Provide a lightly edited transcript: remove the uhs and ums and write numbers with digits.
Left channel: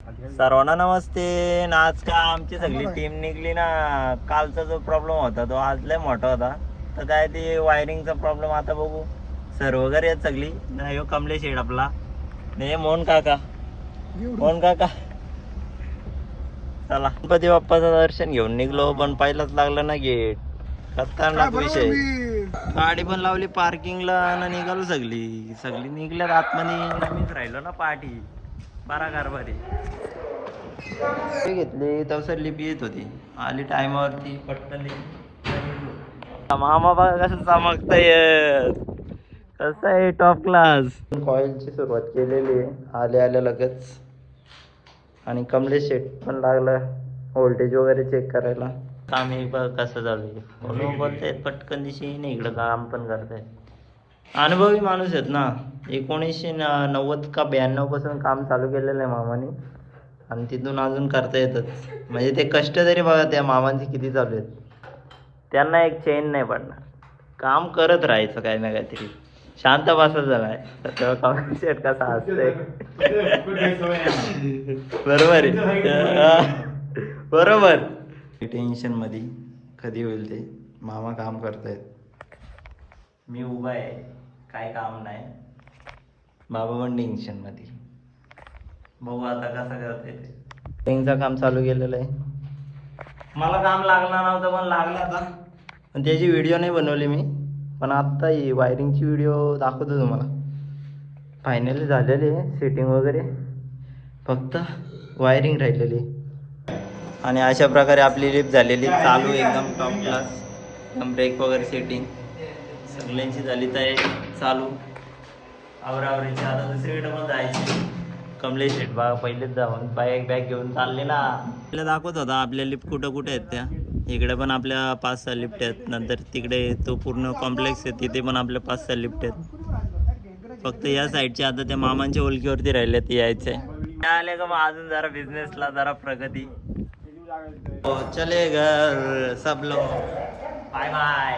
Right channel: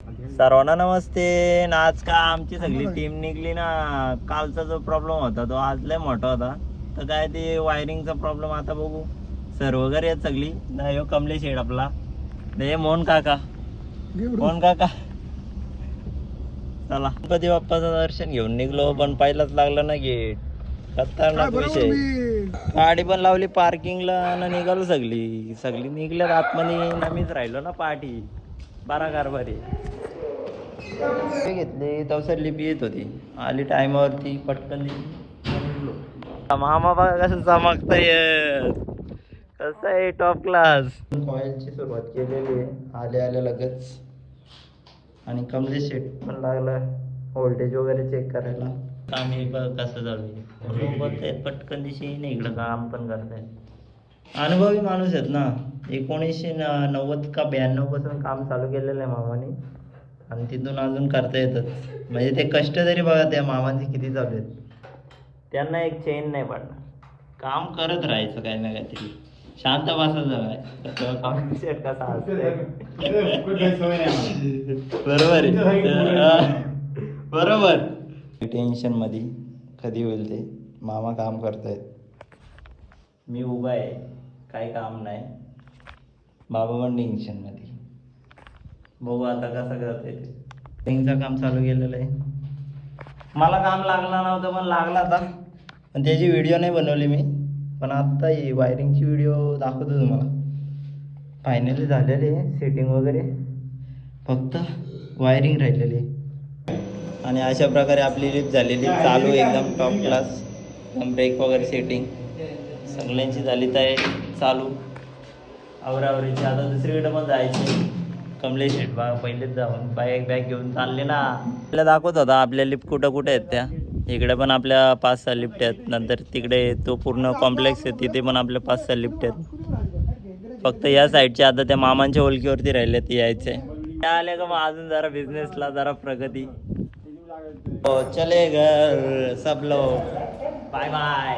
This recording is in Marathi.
सर्वांना नमस्ते. आज का आमची सगळी टीम निघली ना. कालचा जो प्रॉब्लेम होता तो आज लय मोठा होता. तर काय ते वायरिंगचा प्रॉब्लेम आता बघू. सर वगैरे आहेत सगळी. नाही हो कमलेश शेड आपला, नाही मोहन काका. चला गणपती बाप्पाचं दर्शन घेऊन निघलो, पण पहिलाच लागलं ना गेट. खतरनाक विषय. गाडी पण लावली पार्किंगला आणि निघालो सगळी सगळी निघल्यात आतमध्ये. मीच राहिलो ना पाठी. बारा कारभारी घेतली तसं लिपी येत होती. आली टायमावरती पटकन निघलो. मामा बघा कसं चमकतंय, कसं आहे टॉप क्लास. कॉइलची सुरुवात केलेली आहे आले आले लगेच. आणि कमलेश शेट पण लागला व्होल्टेज वगैरे चेक करायला. काम एक बघ कसं चालू बोलतायत पटकन दिशी नाही इकडं काम पण करतायत. अनुभवी माणूस आहेत ना. 1990 का 92 पासून काम चालू केलेलं आहे मामाने, आणि तिथून अजून करता येतात. म्हणजे ते कष्ट तरी बघा त्या मामांचे किती चालू आहेत. त्यांना एक चेन नाही पडणार, काम करत राहायचं काही ना काहीतरी. शांत बसत झालाय शेट कसा असतंय. बरोबर आहे. बरोबर. टेन्शन मध्ये कधी होईल ते. मामा काम करतायत, मी उभा आहे, काय काम नाही. बाबा पण टेन्शन मध्ये. बघू आता कसं करते ते. टेंगचं काम चालू केलेलं आहे. मला काम लागला नव्हतं पण लागला आता, पण त्याची व्हिडिओ नाही बनवली मी. पण आत्ता ही वायरिंगची व्हिडिओ दाखवतो तुम्हाला. फायनली झालेली आहे सेटिंग वगैरे, फक्त वायरिंग राहिलेली. आणि अशा प्रकारे आपली लिफ्ट झालेली चालू एकदम टॉप क्लास. ब्रेक वगैरे सेटिंग सगळ्यांची झाली तयारी चालू. आवरावरीची आता दुसरीकडे पण जायची. कमलेश शेट बा पहिलेच जाऊन बॅग घेऊन चालले ना. आपल्याला दाखवत होता आपल्या लिफ्ट कुठं कुठे आहेत त्या. इकडे पण आपल्या 5-6 लिफ्ट आहेत. नंतर तिकडे तो पूर्ण कॉम्प्लेक्स आहे तिथे पण आपल्या 5-6 लिफ्ट आहेत. फक्त या साईडचे आता त्या मामांच्या ओळखीवरती राहिले ते यायचे. त्या आले का मग अजून जरा बिझनेसला जरा प्रगती. हो चले घर सब लोग. Bye bye.